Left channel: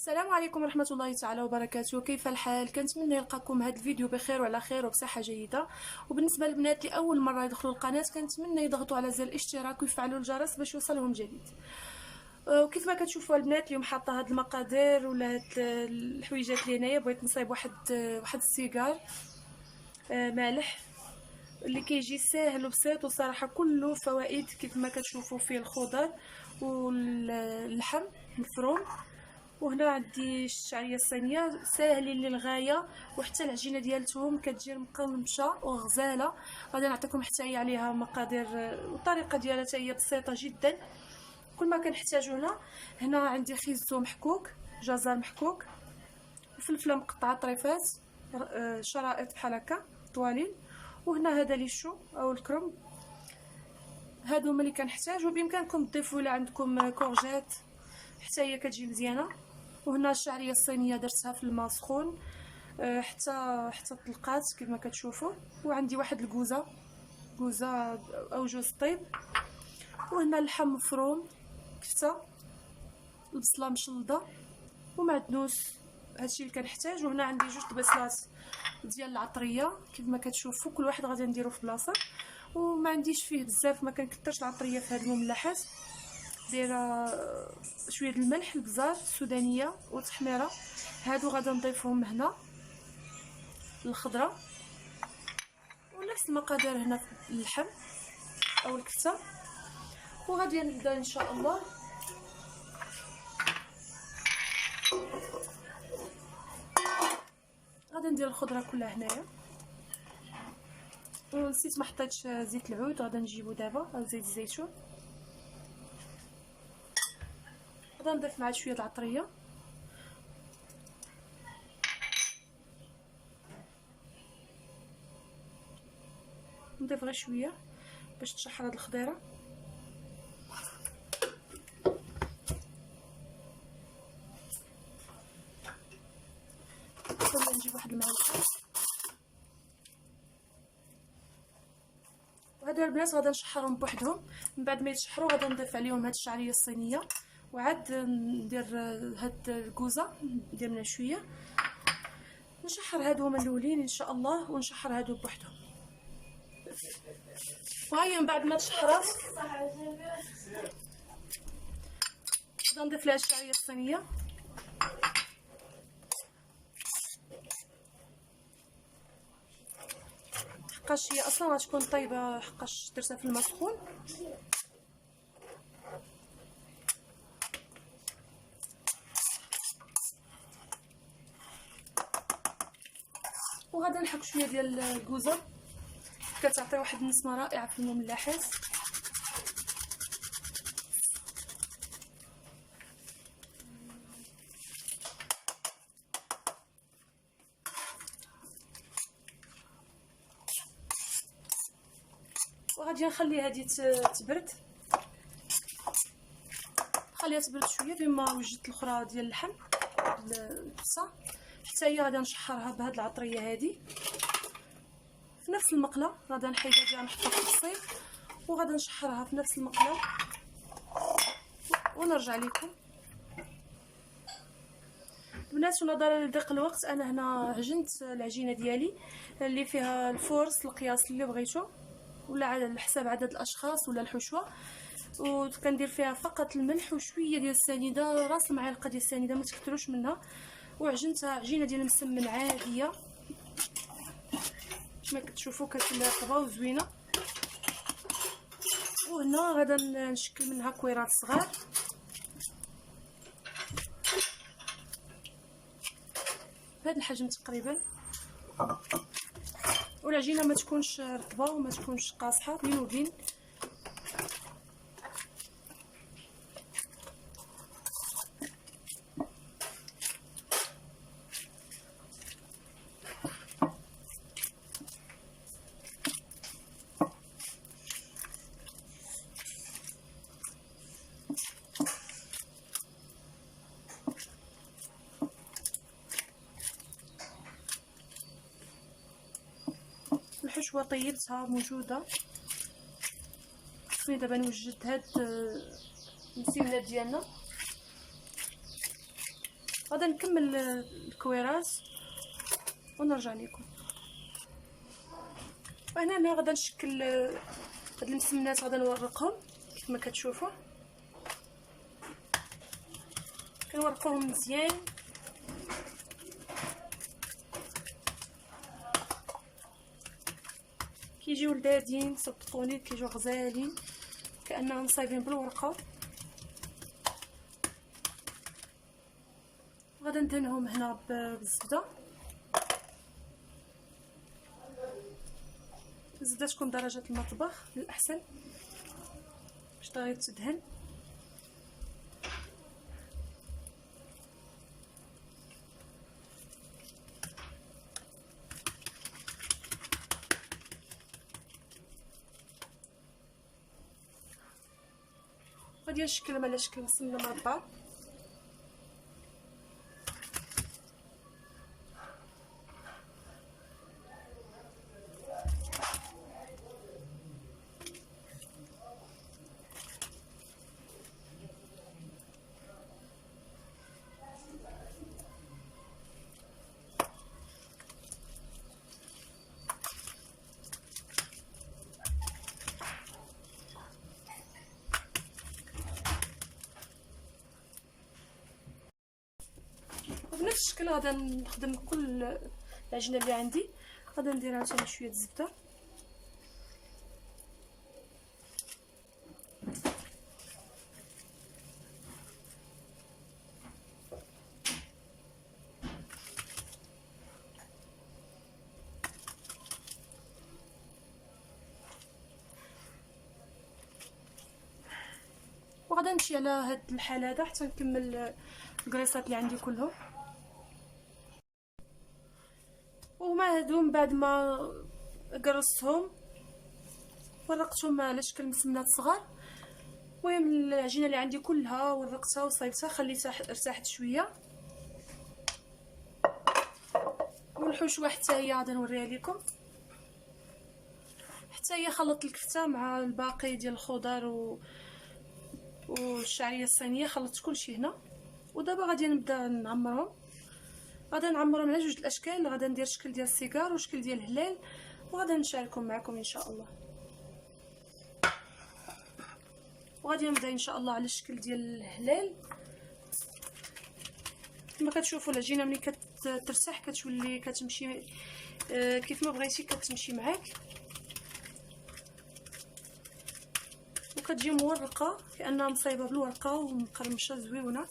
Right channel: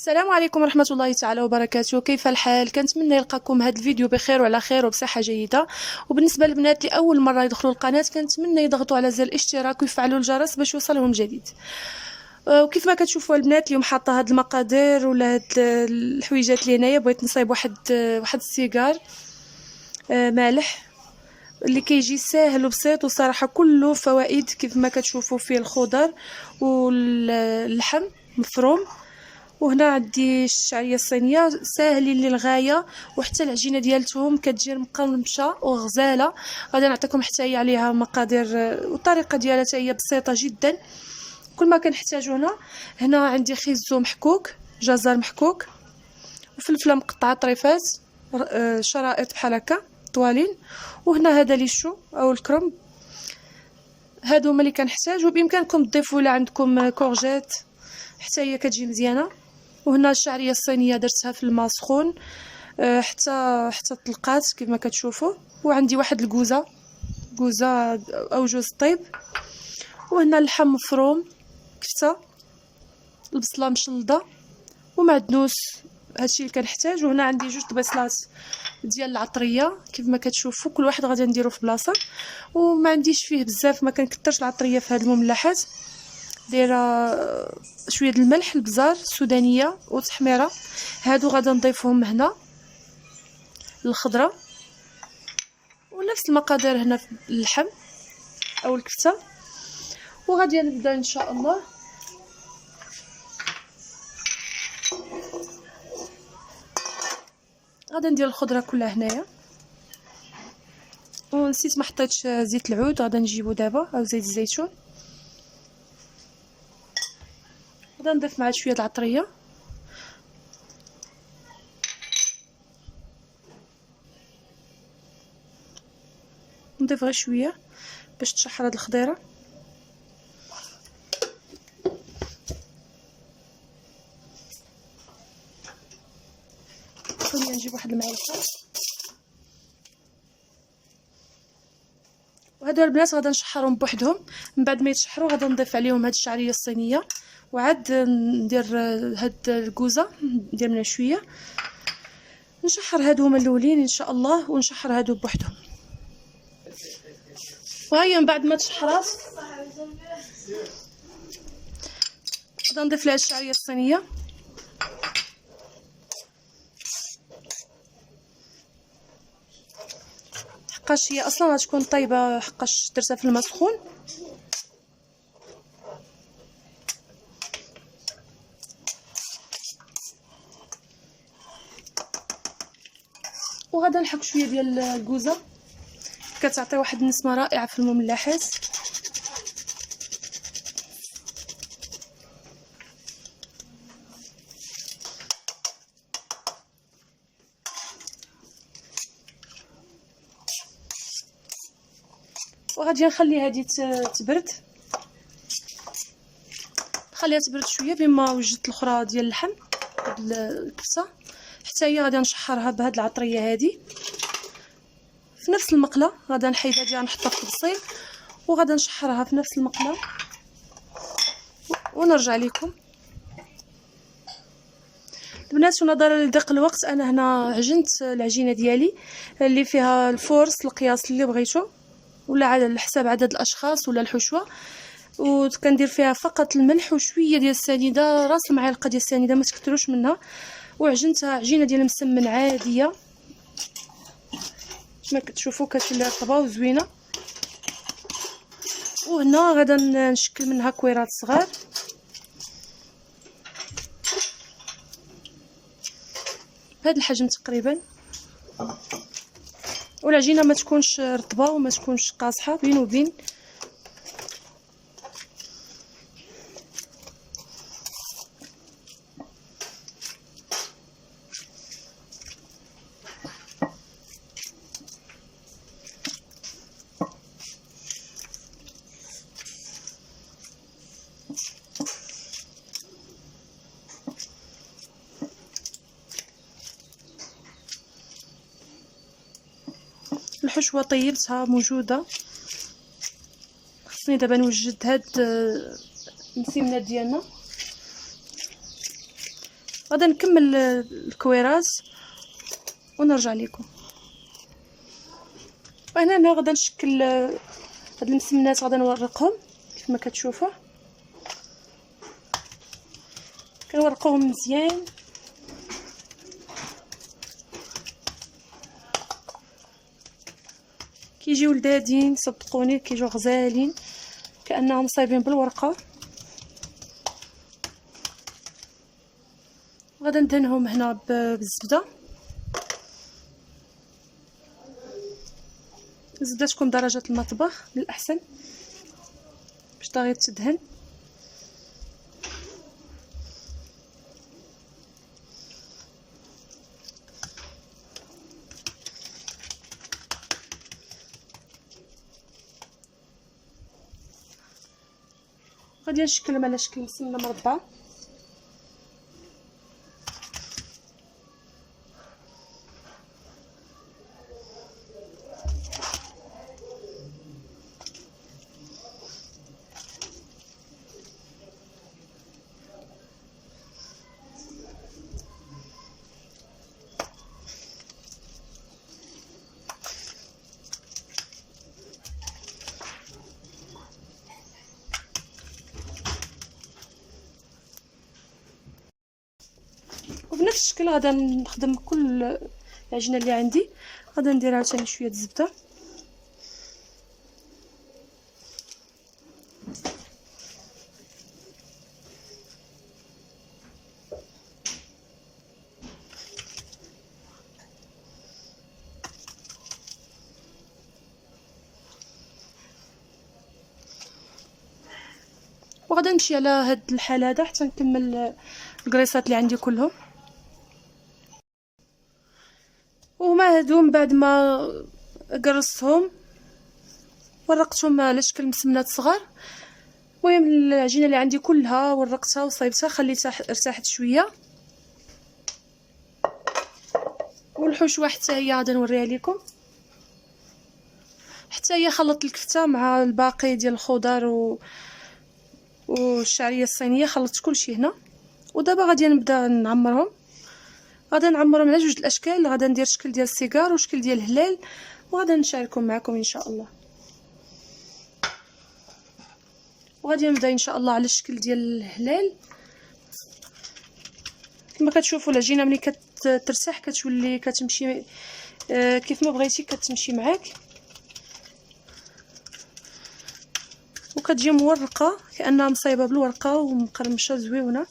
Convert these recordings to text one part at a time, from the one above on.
السلام عليكم ورحمة الله تعالى وبركاته. كيف الحال؟ كنتمنى يلقاكم هذا الفيديو بخير وعلى خير وبصحة جيدة. وبالنسبة للبنات اللي أول مرة يدخلوا القناة كنتمنى يضغطوا على زر الاشتراك ويفعلوا الجرس باش يوصلهم جديد. وكيف ما كتشوفوا البنات اليوم حاطه هاد المقادير ولا هاد الحويجات اللي هنايا. بغيت نصايب واحد السيجار مالح اللي كيجي ساهل وبسيط، وصراحة كله فوائد. كيف ما كتشوفوا فيه الخضر واللحم مفروم. وهنا عندي الشعريه الصينيه ساهلين للغايه، وحتى العجينه ديالتهم كتجي مقرمشه وغزاله. غادي نعطيكم حتى هي عليها مقادير والطريقه ديالها حتى هي بسيطه جدا. كل ما كنحتاجو هنا عندي خيزو محكوك، جزر محكوك، وفلفله مقطعه طريفات شرائط بحال هكا طوالين. وهنا هذا ليشو او الكرنب. هادو هما اللي كنحتاج، وبامكانكم تضيفوا لا عندكم كورجيت حتى هي كتجي مزيانه. وهنا الشعريه الصينيه درتها في الماء سخون حتى طلقات كيف ما كتشوفوا. وعندي واحد الكوزه او جوز طيب. وهنا اللحم مفروم، كفته، البصله مشلضه، ومعدنوس. هادشي اللي كنحتاج. وهنا عندي جوج بصلات ديال العطريه كيف ما كتشوفوا، كل واحد غادي نديرو في بلاصه. وما عنديش فيه بزاف، ما كنكثرش العطريه في هاد المملحات. دايره شويه د الملح، البزار السودانيه وتحميره. هادو غادي نضيفهم هنا الخضره، ونفس المقادير هنا في اللحم او الكفته. وغادي نبدا ان شاء الله. غادي ندير الخضره كلها هنايا. ونسيت ما حطيتش زيت العود، غادي نجيبو دابا، او زيت الزيتون. غادي نضيف معاه شويه د العطريه. نضيف غير شويه باش تشحر هاد الخضيره. نجيب واحد المعلقه. وهادو البنات غادي نشحرهم بوحدهم. من بعد ما يتشحروا غادي نضيف عليهم هاد الشعريه الصينيه، وعاد ندير هاد الكوزه ندير منها شويه. نشحر هادو هما الاولين ان شاء الله، ونشحر هادو بوحدهم. وهي من بعد ما تشحرات غادي نضيف لها الشعريه الصينيه. حقاش هي اصلا غتكون طيبه، حقاش درتها في الماء سخون. وغادي نحك شويه ديال الكوزه، كتعطي واحد النسمه رائعه في المملحات. وغادي نخلي هذه تبرد، نخليها تبرد شويه بما وجدت الاخرى ديال اللحم الكبسه. حتى هي غادي نشحرها بهاد العطريه هذه في نفس المقله. غادي نحيدها ديال نحطها في الطبسيل، وغادي نشحرها في نفس المقله ونرجع لكم البنات. ونظرا لضيق الوقت انا هنا عجنت العجينه ديالي اللي فيها الفورس القياس اللي بغيتو، ولا على حساب عدد الاشخاص ولا الحشوه. وكندير فيها فقط الملح وشويه ديال السنيده، راس المعلقه ديال السنيده ما تكثروش منها. وعجنتها عجينه ديال المسمن عاديه كما كتشوفوا، كتولي رطبه وزوينه. وهنا غادا نشكل منها كويرات صغار. بهذا الحجم تقريبا. والعجينه ما تكونش رطبه وما تكونش قاصحه، بين وبين. الحشوه طيبتها موجوده. خصني دابا نوجد هاد المسمنات ديالنا. غادا نكمل الكويرات ونرجع لكم. وهنا غادا نشكل هاد المسمنات، غادا نورقهم كيف ما كتشوفوا. كنورقوهم مزيان كيجيو لذاذين، صدقوني كيجيو غزالين كانهم صايبين بالورقه. غادا ندهنهم هنا بالزبده. الزبده تكون درجه المطبخ للاحسن باش طاغي تدهن. غادي نشكلهم على شكل مسمنه مربعه. وبنفس الشكل غادا نخدم كل العجينه اللي عندي. غادا ندير عاوتاني شويه الزبده. وغادا نمشي على هاد الحال هذا حتى نكمل الكريسات اللي عندي كلهم. وما هادو من بعد ما قرصتهم ورقتهم على شكل مسمنات صغار. المهم العجينه اللي عندي كلها ورقتها وصايبتها، خليتها ارتاحت شويه. والحشوه حتى هي غادا نوريها لكم. حتى هي خلطت الكفته مع الباقي ديال الخضر والشعريه الصينيه، خلطت كلشي هنا. ودابا غادي نبدا نعمرهم. غادا نعمرهم على جوج الاشكال. غادا ندير شكل ديال السيجار وشكل ديال الهلال، وغادا نشاركهم معكم ان شاء الله. وغادي نبدا ان شاء الله على الشكل ديال الهلال. كما كتشوفوا العجينه ملي كترتاح كتولي كتمشي كيف ما بغيتي كتمشي معاك، وكتجي مورقه كانها مصايبه بالورقه ومقرمشه زويونه.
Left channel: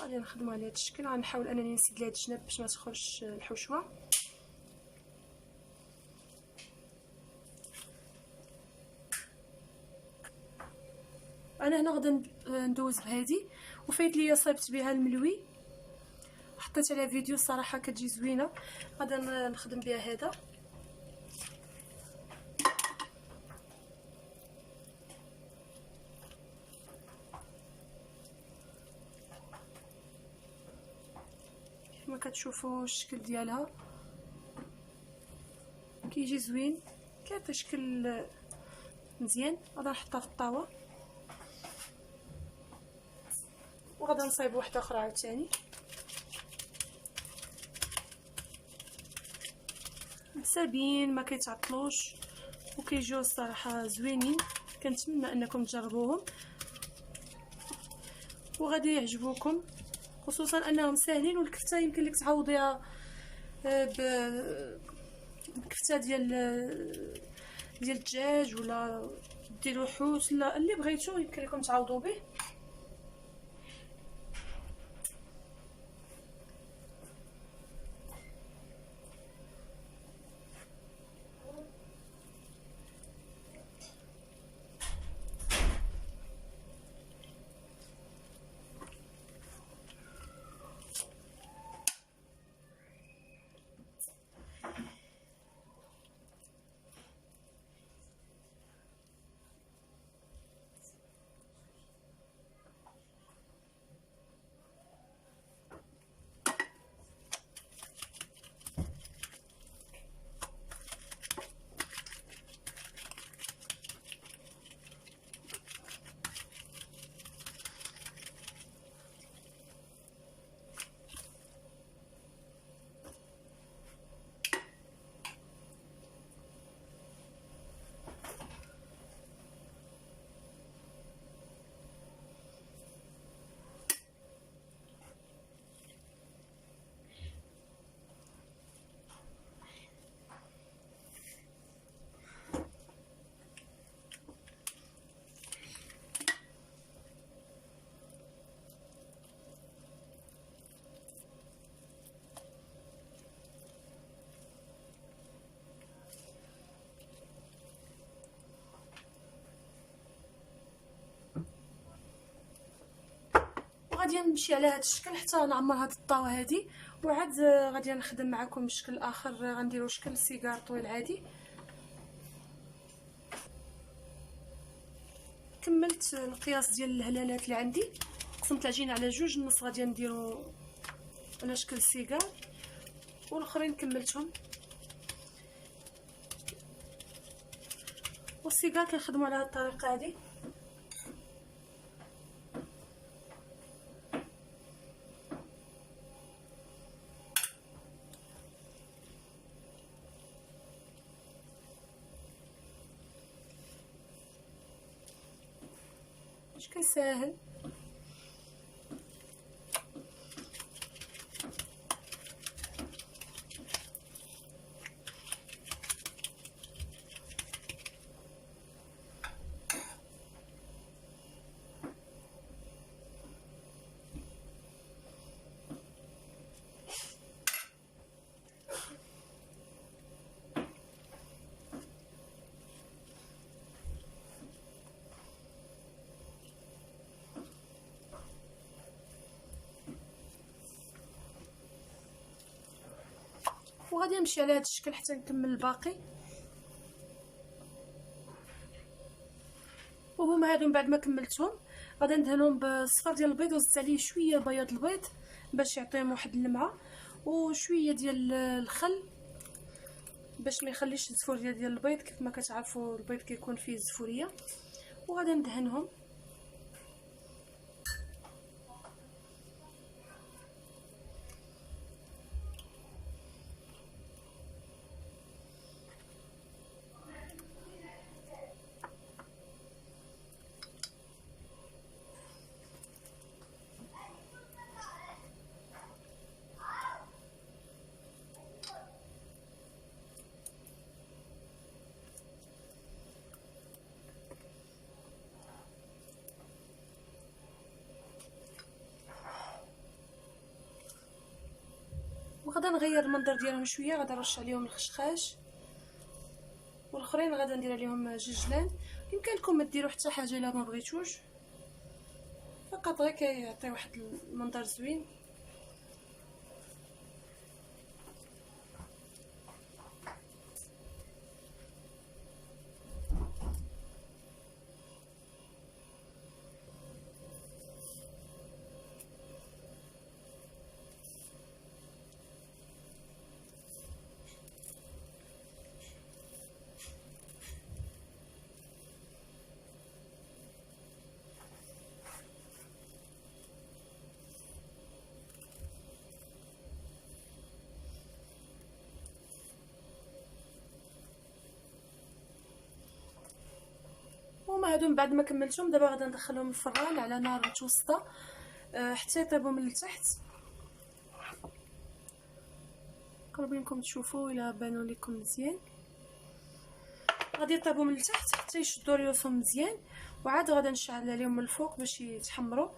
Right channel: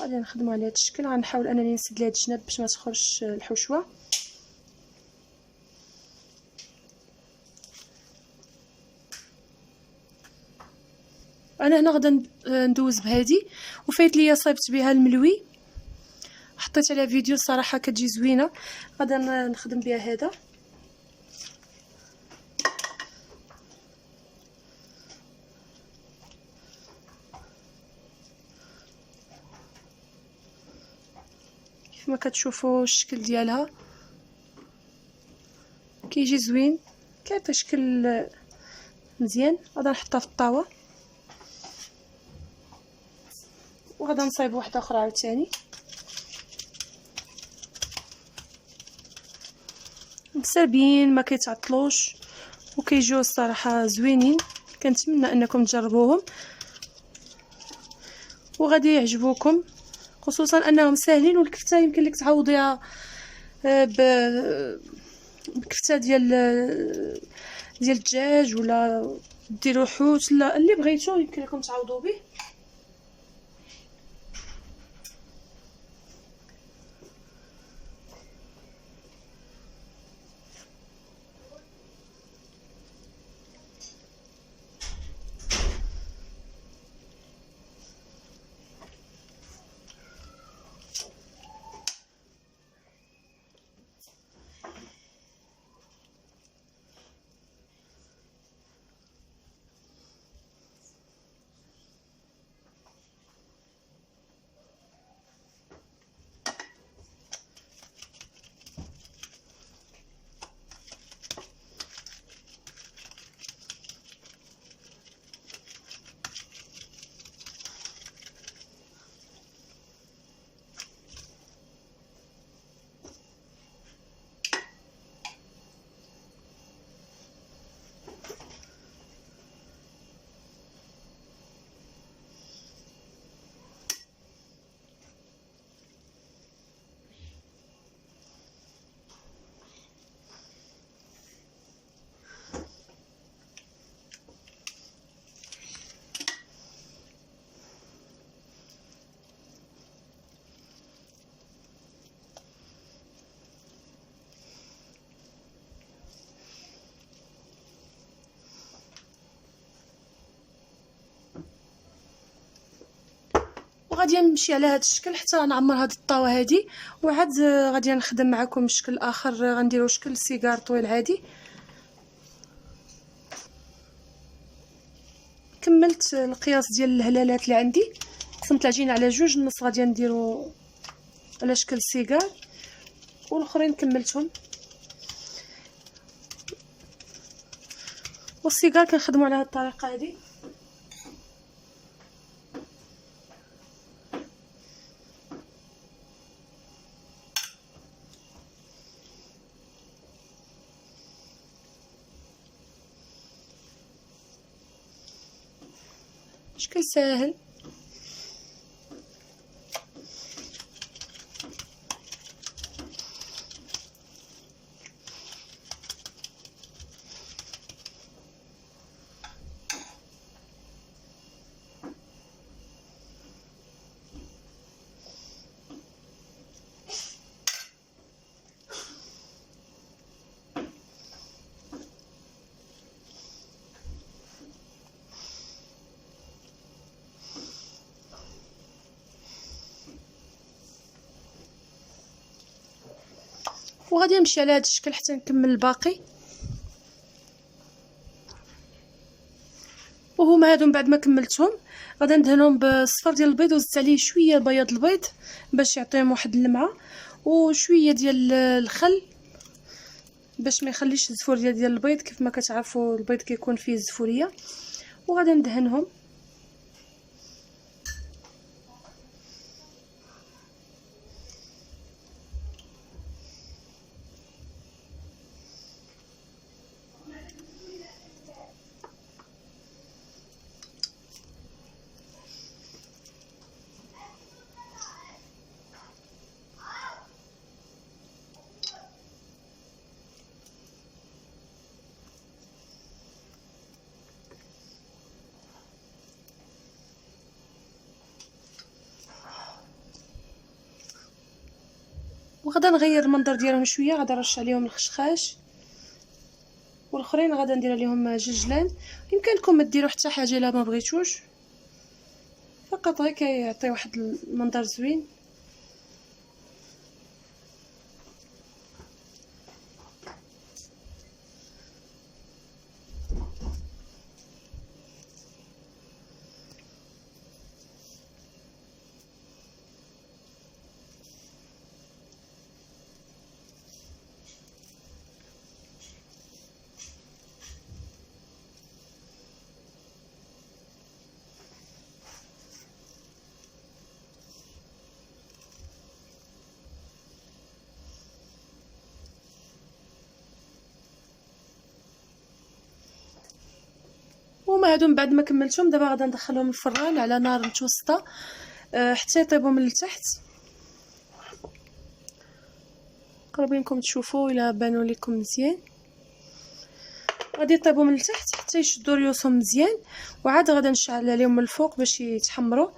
غادي نخدموا على هذا الشكل. غنحاول انني نسد لهاد الجناب باش ما تخرجش الحشوه. انا هنا غادا ندوز بهادي، وفايت ليا صايبت بها الملوي، حطيت عليها فيديو صراحه كتجي زوينه. غادا نخدم بها هذا. كيف ما كتشوفوا الشكل ديالها كيجي زوين، كيعطي شكل مزيان. غادا نحطها في الطاوه وغادا نصايب واحده اخرى عاوتاني مسابين ما كيتعطلوش وكيجيو الصراحه زوينين. كنتمنى انكم تجربوهم وغادي يعجبوكم، خصوصا انهم ساهلين. والكفته يمكن لك تعوضيها بكفته ديال الدجاج، ولا ديروا حوت، لا اللي بغيتو يمكن لكم تعوضوا به. وغادي نمشي على هذا الشكل حتى نعمر هذه الطاوه هذه. وعاد غادي نخدم معكم شكل اخر، غنديروا شكل سيجار طويل عادي. كملت القياس ديال الهلالات اللي عندي، قسمت العجينه على جوج، النص غادي نديرو على شكل سيجار والاخرين كملتهم. والسيجار كنخدموا على هذه الطريقه هذه. شكل ساهل. وغادي نمشي على هذا الشكل حتى نكمل الباقي. وهما هادو من بعد ما كملتهم غادي ندهنهم بالصفر ديال البيض، وزدت عليه شويه بياض البيض باش يعطيهم واحد اللمعه، وشويه ديال الخل باش ما يخليش الزفور ديال البيض. كيف ما كتعرفوا البيض كيكون فيه الزفوريه. وغادي ندهنهم. وغادا نغير المنظر ديالهم شويه، غادا نرش عليهم الخشخاش، والاخرين غادا ندير عليهم جلجلان. يمكنكم ما ديروا حتى حاجه الا ما بغيتوش، فقط غير كيعطي واحد المنظر زوين. وما هادو من بعد ما كملتهم دابا غادا ندخلهم الفران على نار متوسطه حتى يطيبوا من التحت. قربينكم تشوفوا الا بانوا لكم مزيان. غادي يطيبوا من التحت حتى يشدوا ريوسهم مزيان، وعاد غادا نشعل عليهم من الفوق باش يتحمروا،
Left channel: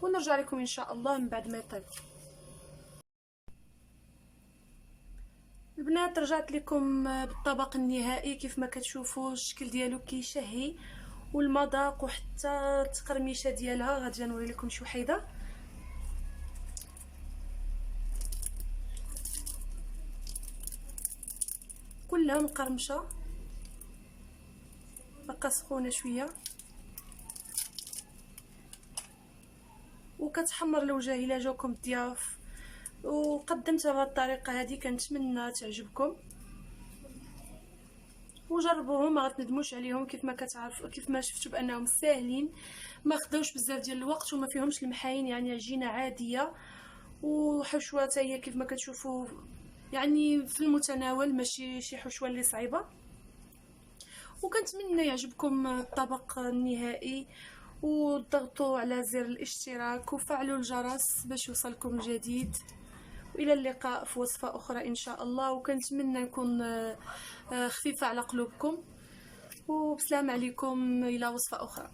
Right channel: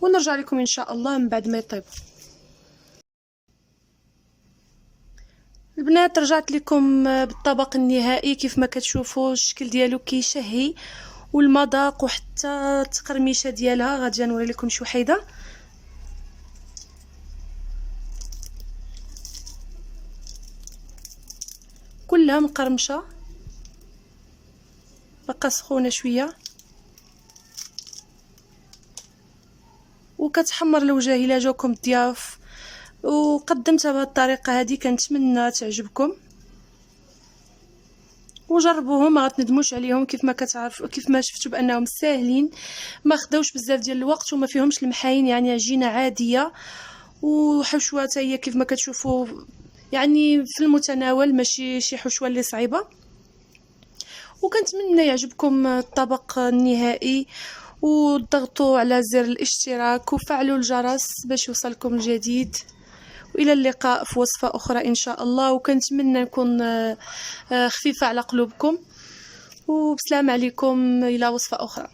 ونرجع لكم ان شاء الله من بعد ما يطيبوا. البنات رجعت لكم بالطبق النهائي. كيف ما كتشوفوا الشكل ديالو كيشهي، والمذاق وحتى التقرميشه ديالها غادي نوري لكم شي وحيده. كلها مقرمشه، بقى سخونه شويه وكتحمر الوجه. الا جاوكم الضياف وقدمتها بهذه الطريقه هذه كنتمنى تعجبكم، وجربوهم ما غتندموش عليهم. كيف ما كتعرفوا كيف ما شفتوا بانهم ساهلين، ما خداوش بزاف ديال الوقت وما فيهمش المحاين، يعني عجينه عاديه وحشوه حتى هي كيف ما كتشوفوا يعني في المتناول، ماشي شي حشوه اللي صعيبه. وكنتمنى يعجبكم الطبق النهائي، وضغطوا على زر الاشتراك وفعلوا الجرس باش يوصلكم الجديد. والى اللقاء في وصفه اخرى ان شاء الله. وكنتمنى نكون خفيفه على قلوبكم، وبسلام عليكم الى وصفه اخرى.